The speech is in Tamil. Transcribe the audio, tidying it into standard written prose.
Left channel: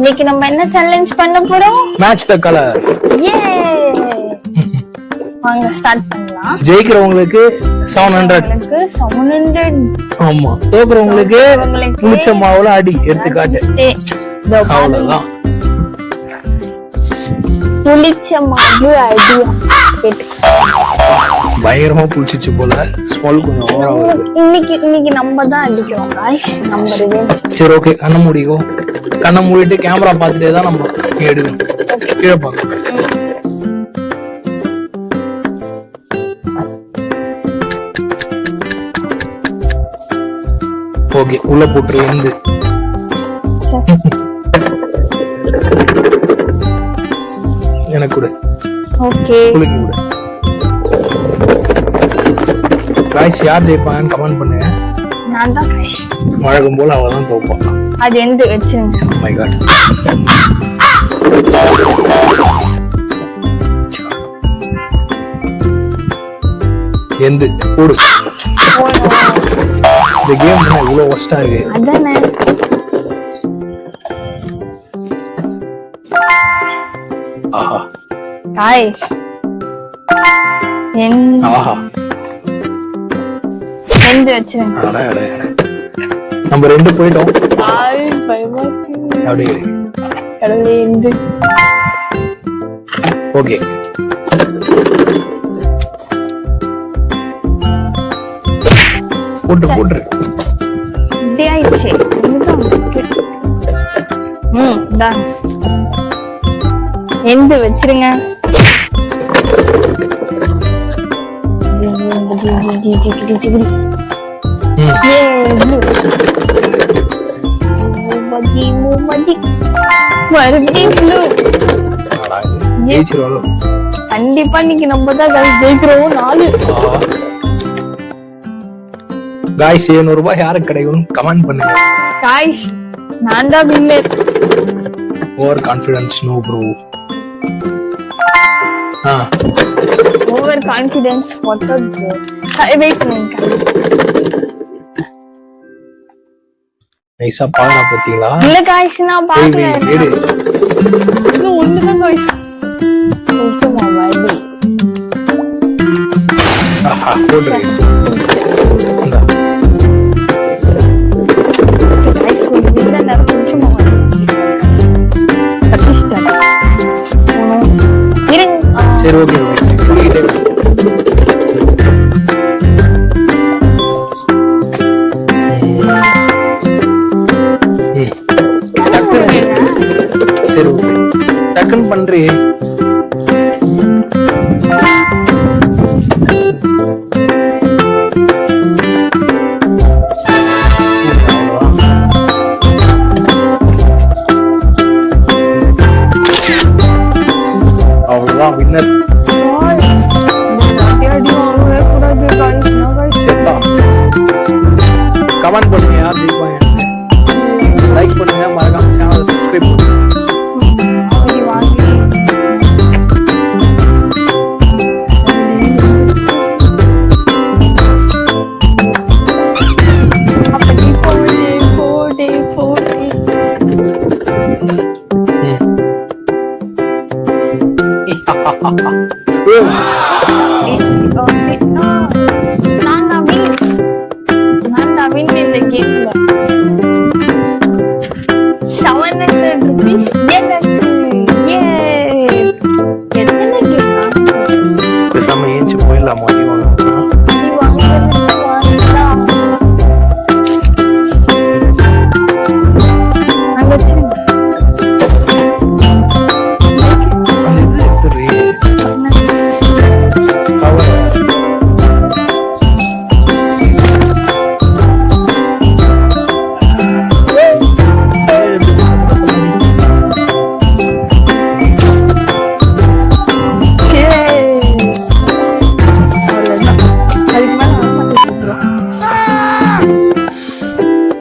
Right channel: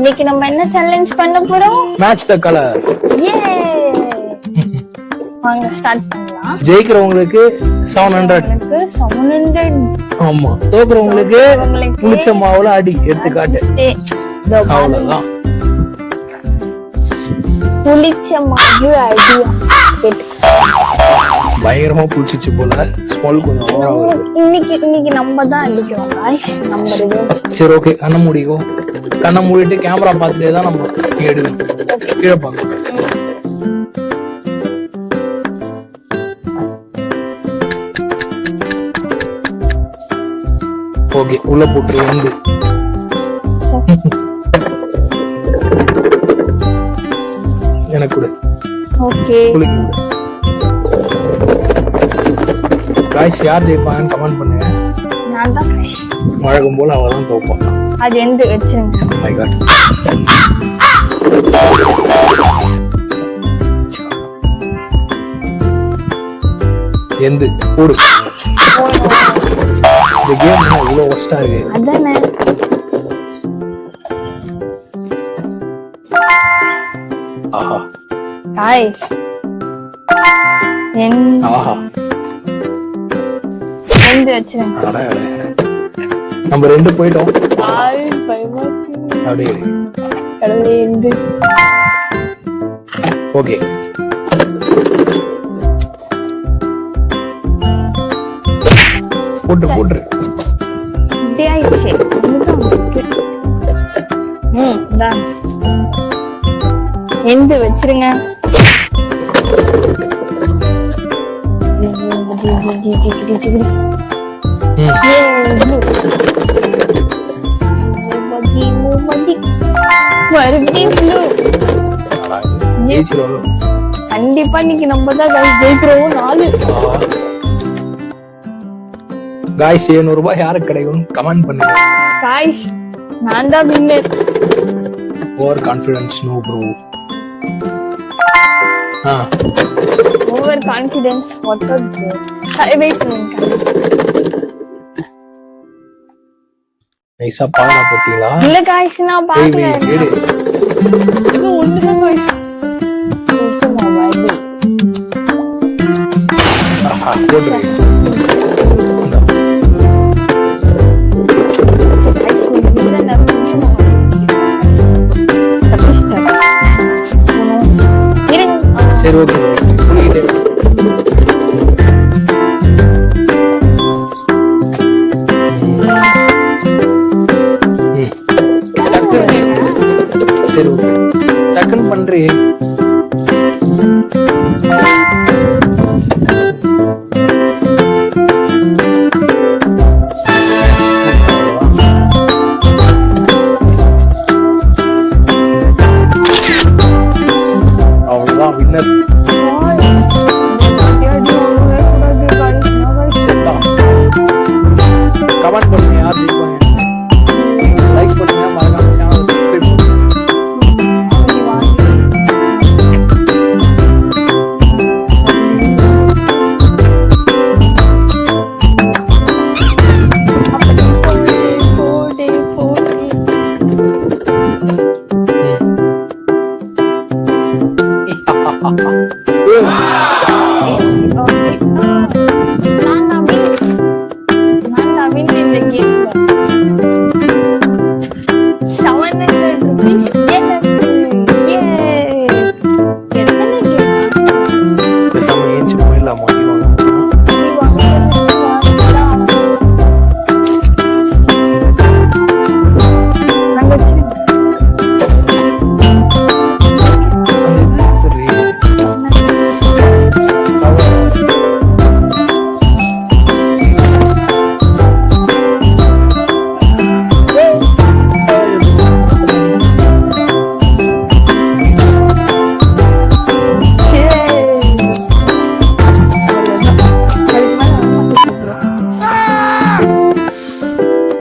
இன்னைக்கு நம்ம என்ன சேலஞ்ச் பண்ண போறோம்? Match the colour. ஏ வாங்க ஸ்டார்ட் பண்ணலாம். ஜெயிக்கிறவங்களுக்கு 700. 700. ஆமா, தோக்குறவங்களுக்கு புளிச்ச மாவுல அடி எடுத்து காட்டு. அவ்வளவுதான். புளிச்ச மாவு அடி. பயங்கரமா புளிச்சிச்சு போல. ஸ்மெல் கொஞ்சம் இன்னைக்கு நம்ம தான் அடிக்கிறோம் गाइस. சரி ஓகே, கண்ணை மூடிட்டு கேமரா பார்த்துட்டே தான் நம்ம எடுக்கணும். கீழே பார்க்கணும். ஓகே, உள்ள போட்டுருவாங்க. எனக்கு கூட ஓகே. गाइस யார் ஜெயிப்பாங்கன்னு கமெண்ட் பண்ணுங்க. நான் தான் गाइस. வழக்கம் போல அவ தான் தோப்பாங்க. அது எந்த வெச்சிருங்க. Oh my god. எந்த கூடு. இந்த கேம் எவ்வளவு ஒஸ்டா இருக்கு. அதானே. ஆஹா. गाइस. ஆஹா. எந்த வெச்சிருங்க. நம்ம ரெண்டு போயிட்டோம். அப்படியே ஓகே. போட்டு இப்படி ஆயிடுச்சு. எந்த வச்சிருங்க. கண்டிப்பா இன்னைக்கு நம்ம தான் ஜெயிக்கிறோம். 4 गाइस 700 ரூபாய் யாருக்கு கிடைக்கும் கமெண்ட் பண்ணுங்க. गाइस நான் தான் winner. Over confidence no bro. Over confidence போட்டோம். வெயிட் பண்ணுங்க. நைஸா பாடா பாத்தீங்களா? இல்ல गाइस நான் பாக்கல. இது ஒண்ணுமே गाइस.